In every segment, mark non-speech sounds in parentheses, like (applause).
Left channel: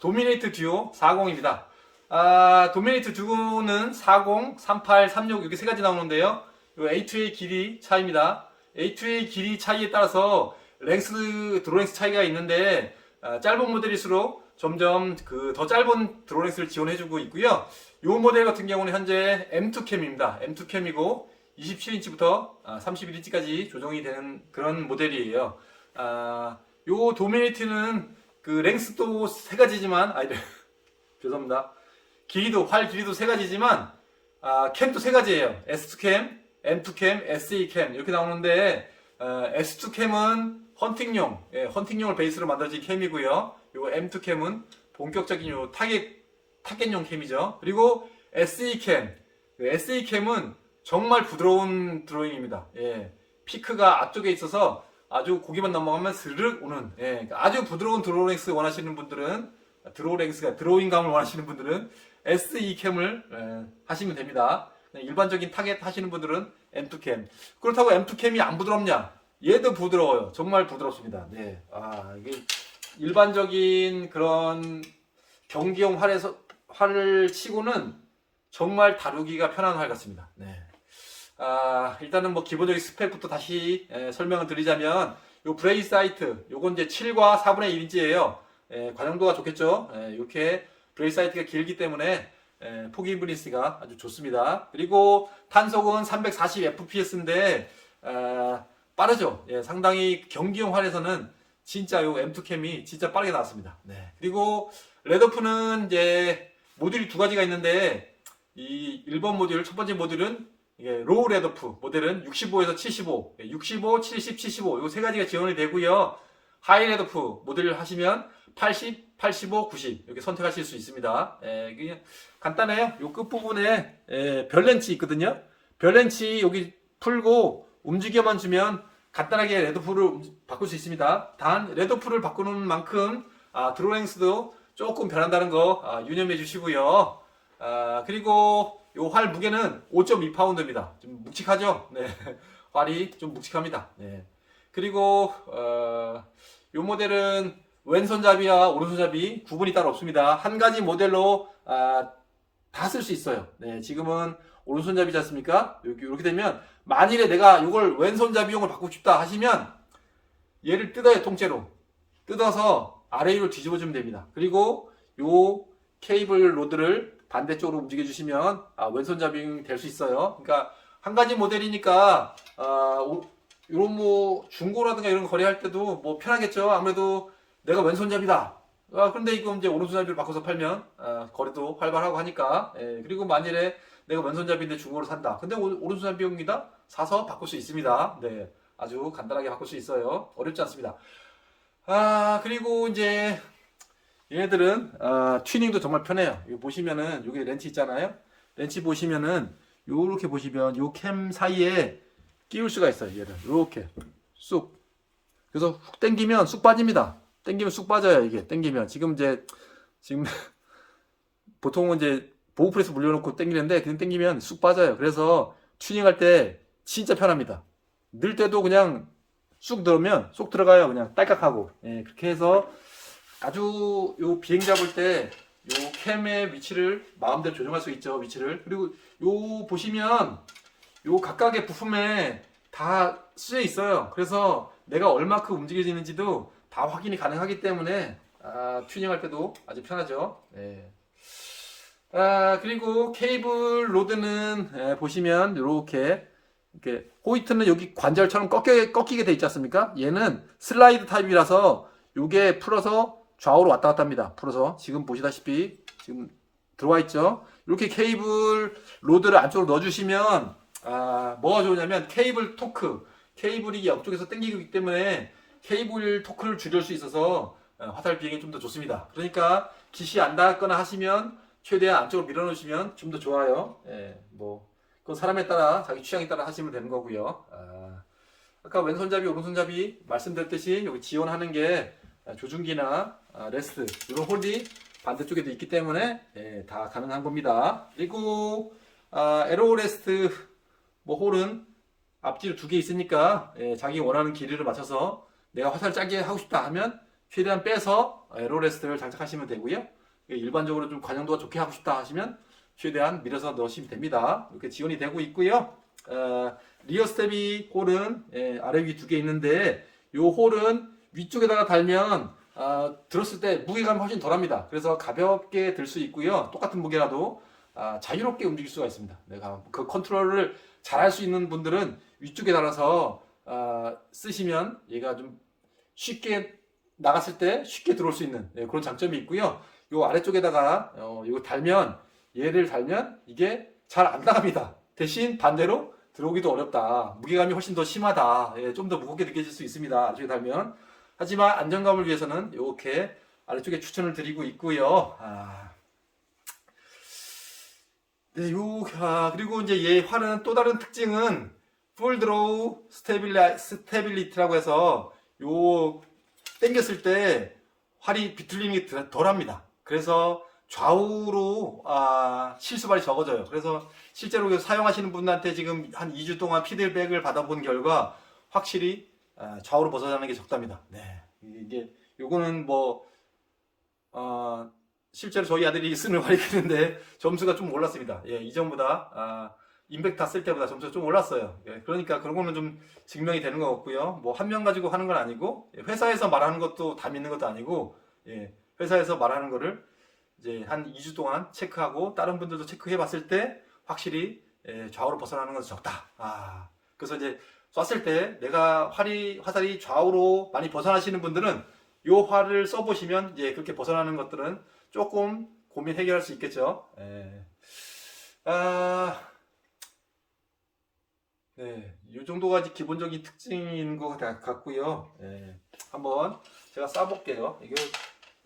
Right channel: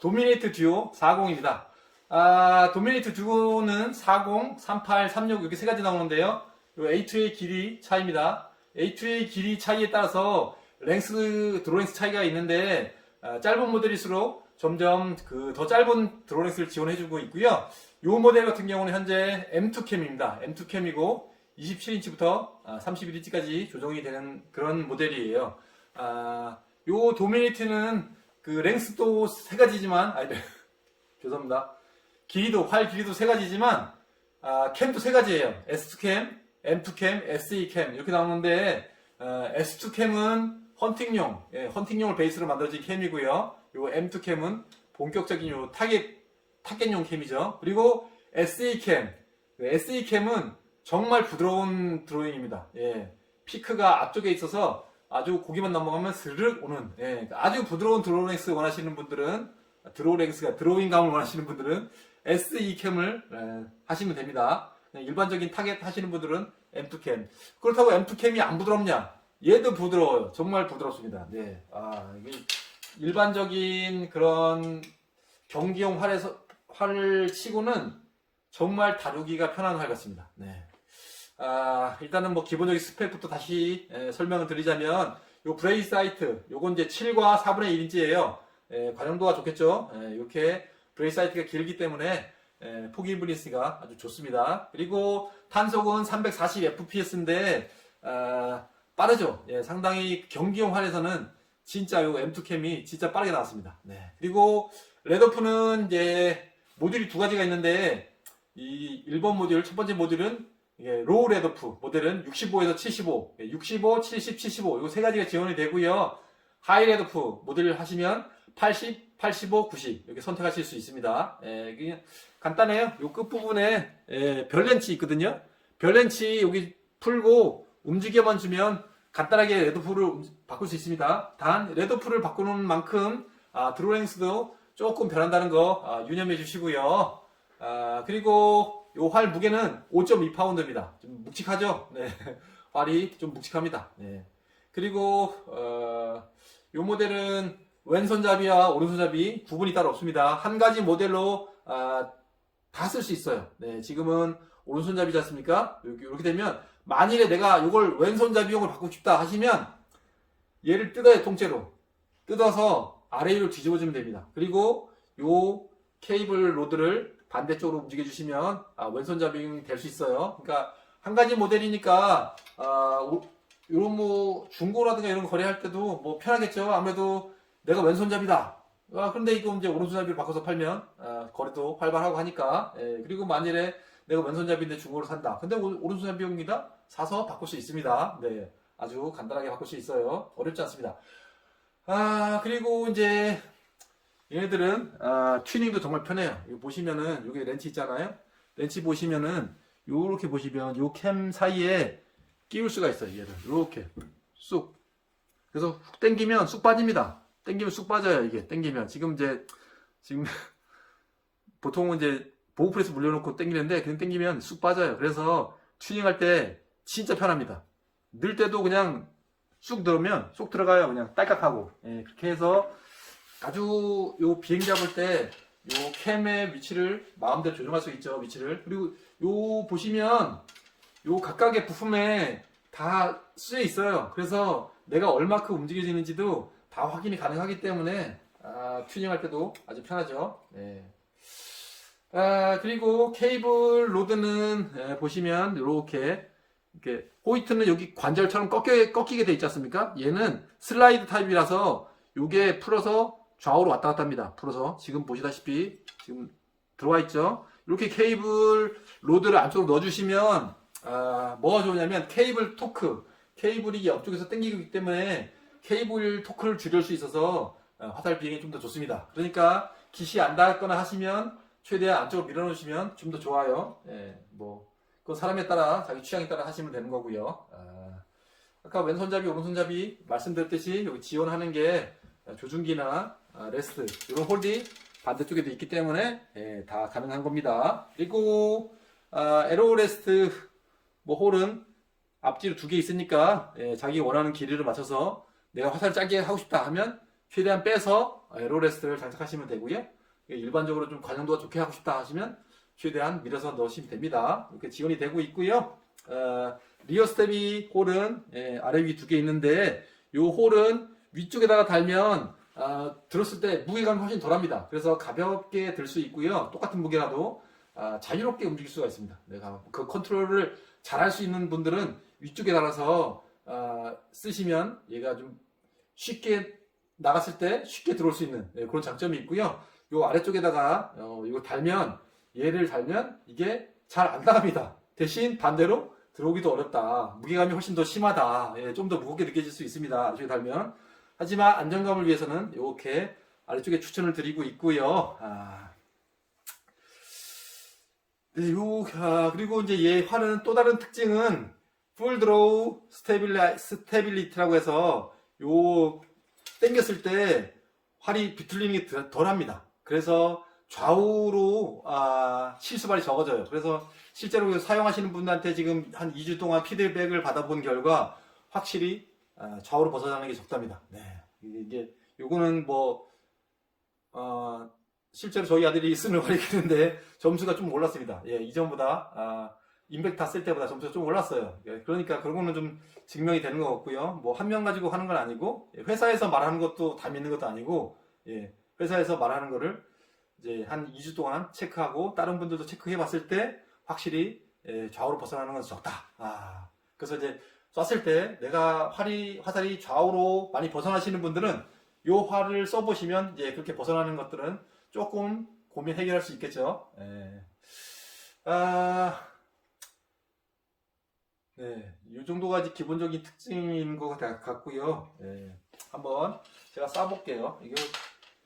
도미네이트 듀오 40입니다. 아, 도미네이트 듀오는 40, 38, 36 이렇게 세 가지 나오는데요. 요 A2A 길이 차이입니다. A2A 길이 차이에 따라서 랭스, 드로랭스 차이가 있는데 아, 짧은 모델일수록 점점 그 더 짧은 드로랭스를 지원해주고 있고요. 요 모델 같은 경우는 현재 M2캠입니다. M2캠이고 27인치부터 31인치까지 조정이 되는 그런 모델이에요. 아, 요 도미네이트는 그 랭스도 세 가지지만 아니 (laughs) 죄송합니다. 길이도 활 길이도 세 가지지만 아, 캠도 세 가지예요. S2캠, M2캠, SE캠 이렇게 나오는데 어, S2캠은 헌팅용, 예, 헌팅용을 베이스로 만들어진 캠이고요. 요 M2캠은 본격적인 요 타겟 타겟용 캠이죠. 그리고 SE캠, SE캠은 정말 부드러운 드로잉입니다. 예, 피크가 앞쪽에 있어서 아주 고기만 넘어가면 스르륵 오는 예, 그러니까 아주 부드러운 드로우랭스 원하시는 분들은 드로우랭스가 드로잉감을 원하시는 분들은 SE캠을 예, 하시면 됩니다. 일반적인 타겟 하시는 분들은 M2캠. 그렇다고 M2캠이 안 부드럽냐? 얘도 부드러워요. 정말 부드럽습니다. 네. 아, 이게 일반적인 그런 경기용 활에서 활을 치고는 정말 다루기가 편한 활 같습니다. 네. 아, 일단은 뭐 기본적인 스펙부터 다시 에, 설명을 드리자면 요 브레이 사이트 요건 이제 7과 4분의 1인치예요. 관용도가 좋겠죠. 에, 이렇게 브레이 사이트가 길기 때문에 에, 포기 브리스가 아주 좋습니다. 그리고 탄속은 340 fps인데 아, 빠르죠. 예, 상당히 경기용 활에서는 진짜 요 M2 캠이 진짜 빠르게 나왔습니다. 네. 그리고 레더프는 이제 모듈이 두 가지가 있는데 이 1번 모듈 첫 번째 모듈은 이게 로우 레더프 모델은 65에서 75, 예, 65, 70, 75요세 가지가 지원이 되고요. 하이 레더프 모델을 하시면 80, 85, 90 이렇게 선택하실 수 있습니다. 예, 그냥 간단해요. 요끝 부분에 예, 별 렌치 있거든요. 별 렌치 여기 풀고 움직여만 주면 간단하게 레더풀을 바꿀 수 있습니다. 단 레더풀을 바꾸는 만큼 아, 드로잉스도 조금 변한다는 거 아, 유념해 주시고요. 아, 그리고 요활 무게는 5.2파운드입니다. 좀 묵직하죠? 네. (laughs) 활이 좀 묵직합니다. 네. 그리고 어, 요 모델은 왼손잡이와 오른손잡이 구분이 따로 없습니다. 한 가지 모델로 아, 다 쓸 수 있어요. 네, 지금은 오른손잡이지 않습니까? 이렇게, 이렇게 되면 만일에 내가 이걸 왼손잡이용을 바꾸고 싶다 하시면 얘를 뜯어요 통째로 뜯어서 아래 위로 뒤집어 주면 됩니다. 그리고 요 케이블 로드를 반대쪽으로 움직여 주시면 아, 왼손잡이 될 수 있어요. 그러니까 한 가지 모델이니까 아, 오- 이런 뭐 중고라든가 이런 거 거래할 때도 뭐 편하겠죠. 아무래도 내가 왼손잡이다. 아, 근데 이거 이제 오른손잡이를 바꿔서 팔면 아, 거래도 활발하고 하니까 예, 그리고 만일에 내가 왼손잡이인데 중고로 산다. 근데 오- 오른손잡이용이다. 사서 바꿀 수 있습니다. 네, 아주 간단하게 바꿀 수 있어요. 어렵지 않습니다. 아 그리고 이제 얘네들은 아, 튜닝도 정말 편해요. 이거 보시면은 여기 렌치 있잖아요. 렌치 보시면은 요렇게 보시면 요 캠 사이에 끼울 수가 있어요. 얘를 요렇게 쑥. 그래서 훅 당기면 쑥 빠집니다. 당기면 쑥 빠져요. 이게 당기면 지금 이제 지금 (laughs) 보통은 이제 보호 프레스 물려놓고 당기는데 그냥 당기면 쑥 빠져요. 그래서 튜닝할 때 진짜 편합니다. 넣을 때도 그냥 쑥 들어오면 쏙 들어가요. 그냥 딸깍하고. 예, 그렇게 해서 아주 요 비행 잡을 때 요 캠의 위치를 마음대로 조정할 수 있죠. 위치를. 그리고 요 보시면 요 각각의 부품에 다 쓰여 있어요. 그래서 내가 얼마큼 움직여지는지도 다 확인이 가능하기 때문에 아, 튜닝할 때도 아주 편하죠. 네. 아, 그리고 케이블 로드는 예, 보시면 이렇게 이렇게 호이트는 여기 관절처럼 꺾여, 꺾이게 돼 있지 않습니까? 얘는 슬라이드 타입이라서 요게 풀어서 좌우로 왔다 갔다 합니다. 풀어서 지금 보시다시피 지금 들어와 있죠. 이렇게 케이블 로드를 안쪽으로 넣어주시면 아, 뭐가 좋으냐면 케이블 토크 케이블이 옆쪽에서 당기기 때문에 케이블 토크를 줄일 수 있어서 아, 화살 비행이 좀 더 좋습니다. 그러니까 기시 안 닿았거나 하시면 최대한 안쪽으로 밀어놓으시면 좀 더 좋아요. 예, 뭐 그건 사람에 따라 자기 취향에 따라 하시면 되는 거고요. 아, 아까 왼손잡이 오른손잡이 말씀드렸듯이 여기 지원하는 게 조준기나 아, 레스트 이런 홀이 반대쪽에도 있기 때문에 예, 다 가능한 겁니다. 그리고 아, 에로 레스트 뭐 홀은 앞뒤로 두 개 있으니까 예, 자기 원하는 길이를 맞춰서 내가 화살 짜게 하고 싶다 하면 최대한 빼서 에로 레스트를 장착하시면 되고요. 일반적으로 좀 관용도가 좋게 하고 싶다 하시면 최대한 밀어서 넣으시면 됩니다. 이렇게 지원이 되고 있고요. 어, 리어 스텝이 홀은 예, 아래 위 두 개 있는데 이 홀은 위쪽에다가 달면 아, 들었을 때 무게감이 훨씬 덜합니다. 그래서 가볍게 들 수 있고요. 똑같은 무게라도 아, 자유롭게 움직일 수가 있습니다. 내가 그 컨트롤을 잘 할 수 있는 분들은 위쪽에 달아서 아, 쓰시면 얘가 좀 쉽게 나갔을 때 쉽게 들어올 수 있는 예, 그런 장점이 있고요. 요 아래쪽에다가 어, 이거 달면 얘를 달면 이게 잘 안 나갑니다. 대신 반대로 들어오기도 어렵다. 무게감이 훨씬 더 심하다. 예, 좀 더 무겁게 느껴질 수 있습니다. 아래쪽에 달면. 하지만 안정감을 위해서는 이렇게 아래쪽에 추천을 드리고 있고요. 아. 네, 요, 아, 그리고 이제 얘 활은 또 다른 특징은 풀 드로우 스테빌리, 스테빌리티라고 해서 요 당겼을 때 활이 비틀림이 덜- 덜합니다. 그래서 좌우로 아, 실수발이 적어져요. 그래서 실제로 사용하시는 분한테 지금 한 2주 동안 피드백을 받아본 결과 확실히 아, 좌우로 벗어나는 게 적답니다. 네. 이게 요거는 뭐 어, 실제로 저희 아들이 쓰는 활이 있는데 점수가 좀 올랐습니다. 예, 이전보다 아, 임팩트 쓸 때보다 점수가 좀 올랐어요. 예, 그러니까 그런 거는 좀 증명이 되는 것 같고요. 뭐 한 명 가지고 하는 건 아니고 예, 회사에서 말하는 것도 다 믿는 것도 아니고 예, 회사에서 말하는 거를 이제 한 2주 동안 체크하고 다른 분들도 체크해 봤을 때 확실히 예, 좌우로 벗어나는 것은 적다. 아, 그래서 이제 쐈을 때 내가 활이 화살이 좌우로 많이 벗어나시는 분들은 요 활을 써보시면 이제 그렇게 벗어나는 것들은 조금 고민 해결할 수 있겠죠. 예. 아, 네, 이 정도가 이제 기본적인 특징인 것 같- 같고요. 예, 한번 제가 쏴볼게요. 이게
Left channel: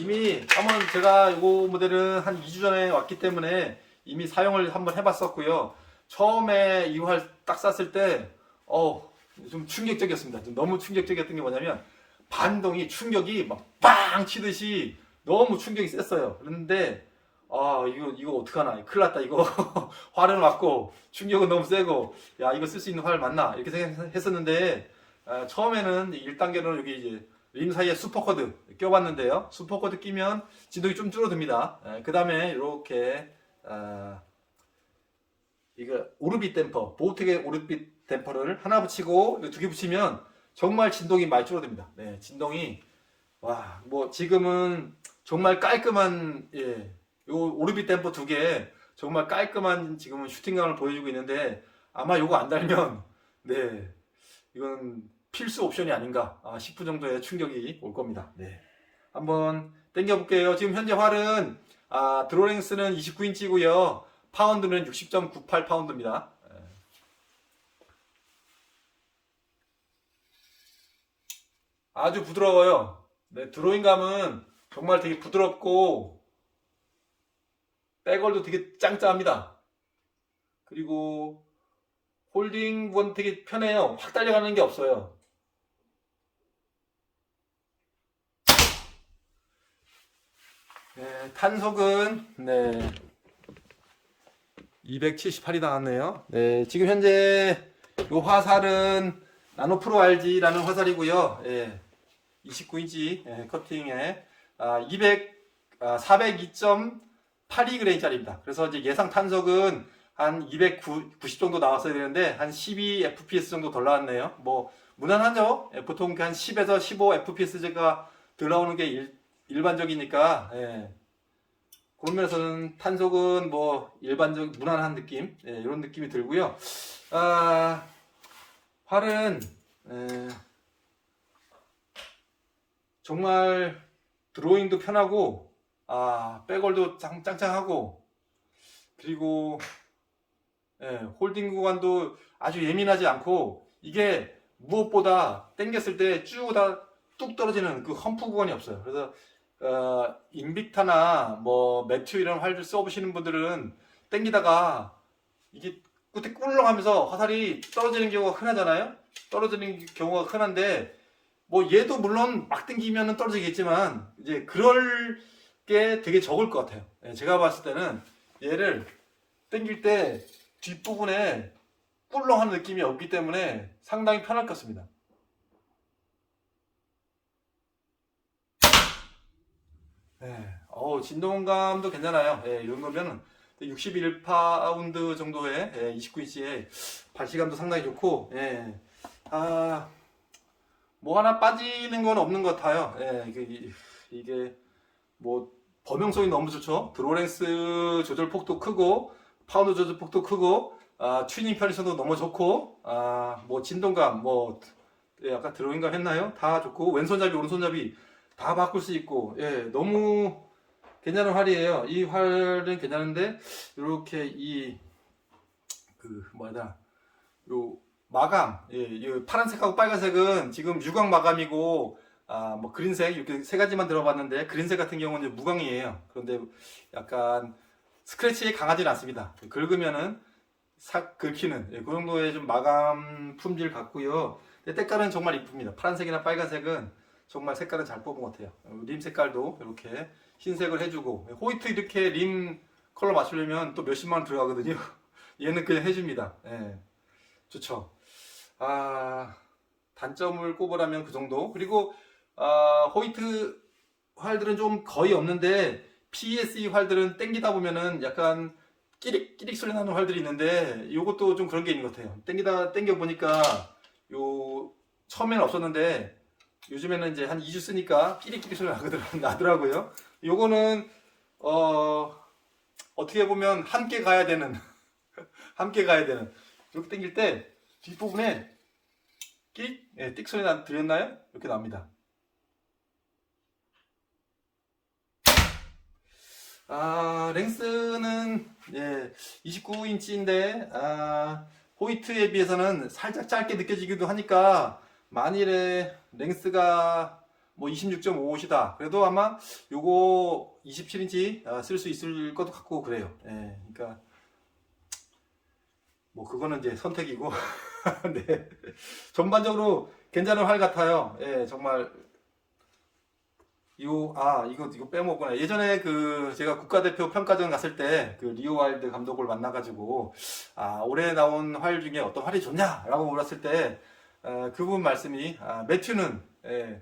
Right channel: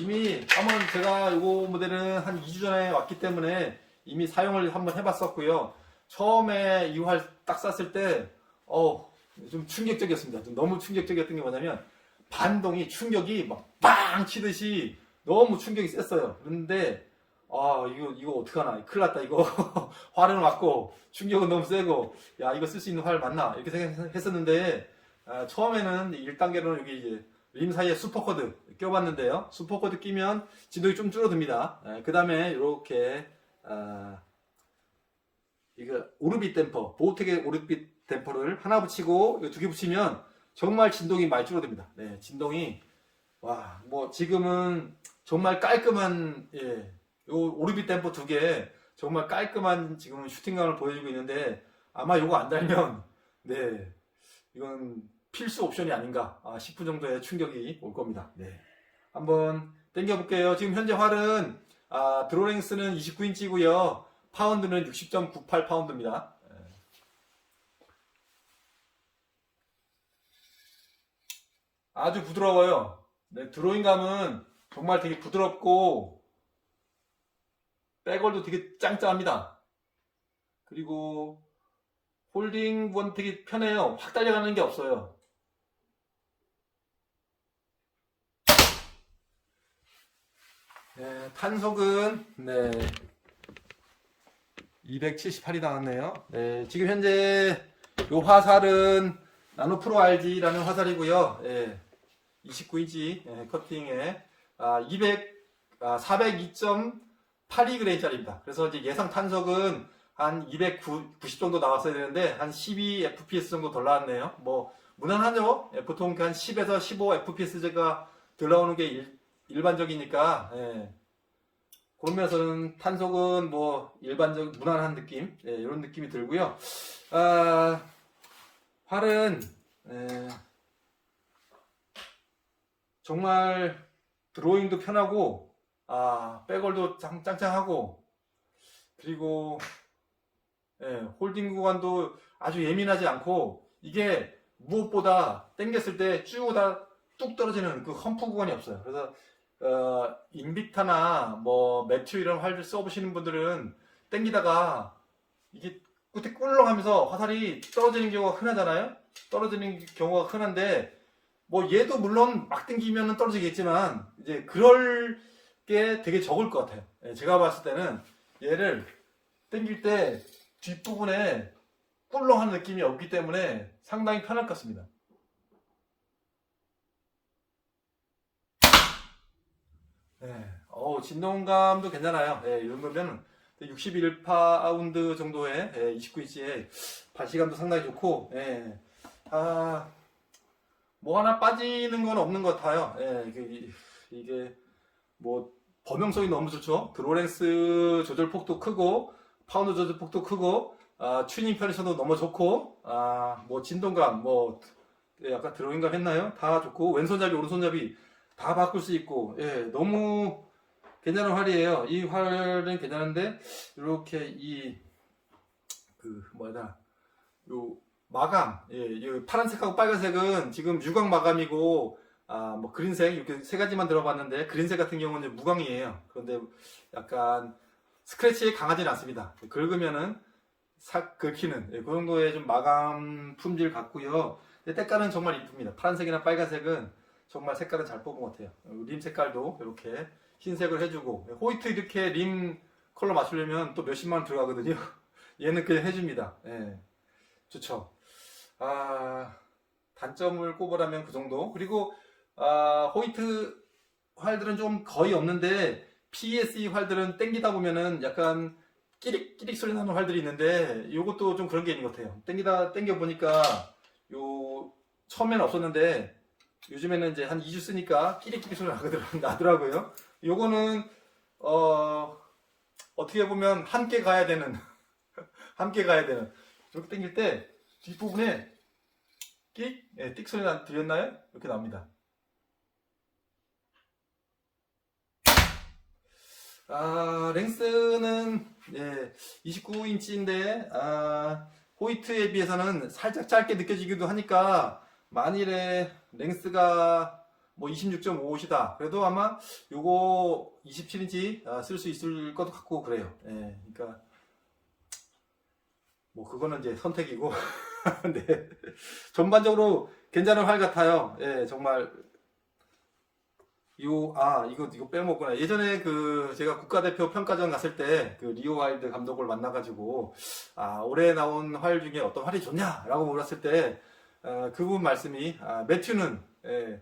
이미 한번 제가 이거 모델은 한 2주 전에 왔기 때문에 이미 사용을 한번 해봤었고요. 처음에 이 활 딱 쐈을 때, 어, 좀 충격적이었습니다. 좀 너무 충격적이었던 게 뭐냐면 반동이 충격이 막 빵 치듯이 너무 충격이 셌어요. 그런데 아 이거 이거 어떡하나. 큰일 났다 이거. (laughs) 활은 왔고 충격은 너무 세고 야 이거 쓸 수 있는 활 맞나? 이렇게 생각했었는데 아, 처음에는 1단계로는 여기 이제 림 사이에 슈퍼코드 껴봤는데요. 슈퍼코드 끼면 진동이 좀 줄어듭니다. 그 다음에 이렇게 아, 이거 오르빗 댐퍼 보호텍의 오르빗 댐퍼를 하나 붙이고 두 개 붙이면 정말 진동이 많이 줄어듭니다 네 진동이 와 뭐 지금은 정말 깔끔한 예, 요 오르빗 댐퍼 두 개 정말 깔끔한 지금은 슈팅감을 보여주고 있는데 아마 요거 안 달면 네 이건 필수 옵션이 아닌가 아, 10분 정도의 충격이 올 겁니다. 네 한번 당겨 볼게요. 지금 현재 활은 아, 드로랭스는 29인치고요. 파운드는 60.98 파운드입니다. 예. 아주 부드러워요. 네, 드로잉감은 정말 되게 부드럽고 백월도 되게 짱짱합니다. 그리고 홀딩은 되게 편해요. 확 달려가는 게 없어요. 네, 탄속은 네 278이 나왔네요. 네, 지금 현재 요 화살은 나노 프로 RG라는 화살이고요. 예, 29인치 예, 커팅에 아, 200 아, 402.82g짜리입니다. 그래서 이제 예상 탄속은 한 290 정도 나왔어야 되는데 한 12 fps 정도 덜 나왔네요. 뭐 무난하죠. 예, 보통 한 10에서 15 fps가 덜 나오는 게 일, 일반적이니까 예. 그런 면에서는 탄속은 뭐 일반적 무난한 느낌 예, 이런 느낌이 들고요. 아, 활은 예, 정말 드로잉도 편하고 아 백월도 짱, 짱짱하고 그리고 예, 홀딩 구간도 아주 예민하지 않고 이게 무엇보다 당겼을 때 쭉 다 뚝 떨어지는 그 험프 구간이 없어요. 그래서 어, 인빅타나 뭐 매튜 이런 활을 써보시는 분들은 당기다가 이게 끝에 꿀렁하면서 화살이 떨어지는 경우가 흔하잖아요. 떨어지는 경우가 흔한데 뭐 얘도 물론 막 당기면 떨어지겠지만 이제 그럴 게 되게 적을 것 같아요. 예, 제가 봤을 때는 얘를 당길 때 뒷부분에 꿀렁한 느낌이 없기 때문에 상당히 편할 것 같습니다. 예. 어우, 진동감도 괜찮아요. 예, 이 정도면 61파운드 정도의 예, 29인치의 발시감도 상당히 좋고, 예. 아, 뭐 하나 빠지는 건 없는 것 같아요. 예, 이게, 이게 뭐 범용성이 너무 좋죠. 드로렌스 조절 폭도 크고, 파운드 조절 폭도 크고, 아, 튜닝 편의성도 너무 좋고, 아, 뭐 진동감, 뭐 예, 아까 드로잉감 했나요? 다 좋고 왼손잡이 오른손잡이 다 바꿀 수 있고 예 너무 괜찮은 활이에요 이 활은 괜찮은데 이렇게 이 그 뭐야 요 마감 예, 이 파란색하고 빨간색은 지금 유광 마감이고 아 뭐 그린색 이렇게 세 가지만 들어봤는데 그린색 같은 경우는 무광이에요 그런데 약간 스크래치에 강하지는 않습니다 긁으면은 싹 긁히는 예, 그 정도의 좀 마감 품질 같고요 근데 때깔은 정말 이쁩니다. 파란색이나 빨간색은 정말 색깔은 잘 뽑은 것 같아요. 림 색깔도 이렇게 흰색을 해주고 호이트 이렇게 림 컬러 맞추려면 또 몇십만 원 들어가거든요. (laughs) 얘는 그냥 해줍니다. 예, 좋죠. 아 단점을 꼽으라면 그 정도. 그리고 아, 호이트 활들은 좀 거의 없는데 PSE 활들은 땡기다 보면은 약간 끼릭 끼릭 소리 나는 활들이 있는데 이것도 좀 그런 게 있는 것 같아요. 땡기다 땡겨 보니까 요 처음에는 없었는데 요즘에는 이제 한 2주 쓰니까 끼리끼리 소리 나더라- (laughs) 나더라 고요. 요거는 어 어떻게 보면 함께 가야 되는 (laughs) 함께 가야 되는 이렇게 당길 때 뒷부분에 끽 예, 띡 소리 나 들렸나요? 이렇게 나옵니다. 아 랭스는 예 29인치인데 아 호이트에 비해서는 살짝 짧게 느껴지기도 하니까 만일에 랭스가 뭐 26.5이다 그래도 아마 요거 27인치 쓸수 있을 것 같고 그래요 예 그러니까 뭐 그거는 이제 선택이고 (laughs) (laughs) 네 전반적으로 괜찮은 활 같아요 예 정말 요, 아, 이거, 이거 빼먹구나. 예전에 그, 제가 국가대표 평가전 갔을 때, 그, 리오 와일드 감독을 만나가지고, 아, 올해 나온 활 중에 어떤 활이 좋냐라고 물었을 때, 어, 그분 말씀이, 아, 매튜는, 예,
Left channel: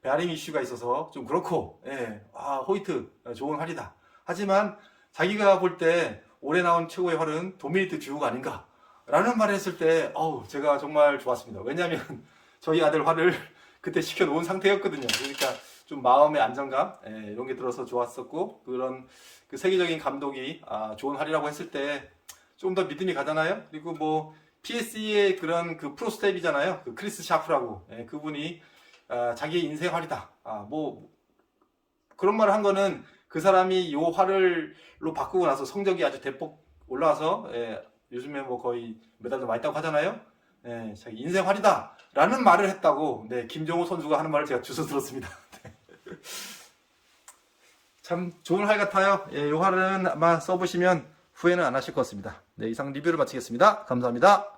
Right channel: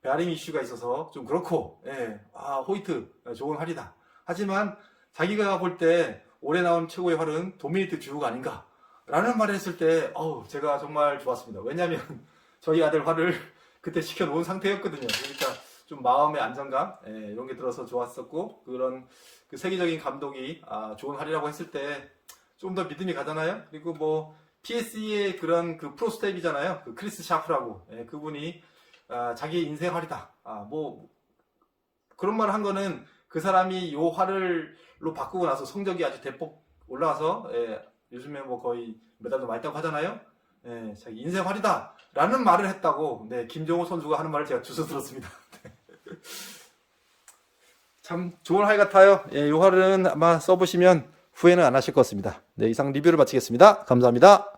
베어링 이슈가 있어서 좀 그렇고, 예, 아, 호이트, 어, 좋은 활이다. 하지만, 자기가 볼 때, 올해 나온 최고의 활은 도미니트 듀우가 아닌가. 라는 말을 했을 때, 어우, 제가 정말 좋았습니다. 왜냐면, (laughs) 저희 아들 활을 (laughs) 그때 시켜놓은 상태였거든요. 그러니까, 좀 마음의 안정감 예, 이런 게 들어서 좋았었고 그런 그 세계적인 감독이 아, 좋은 활이라고 했을 때 좀 더 믿음이 가잖아요. 그리고 뭐 PSE의 그런 그 프로 스텝이잖아요. 그 크리스 샤프라고 예, 그분이 아, 자기의 인생 활이다. 아, 뭐 그런 말을 한 거는 그 사람이 요 활을로 바꾸고 나서 성적이 아주 대폭 올라와서 예, 요즘에 뭐 거의 메달도 많이 따고 하잖아요. 예, 자기 인생 활이다. 라는 말을 했다고 네, 김정호 선수가 하는 말을 제가 주워 들었습니다. (laughs) 참 좋은 활 같아요. 예, 이 활은 아마 써보시면 후회는 안 하실 것 같습니다. 네, 이상 리뷰를 마치겠습니다. 감사합니다.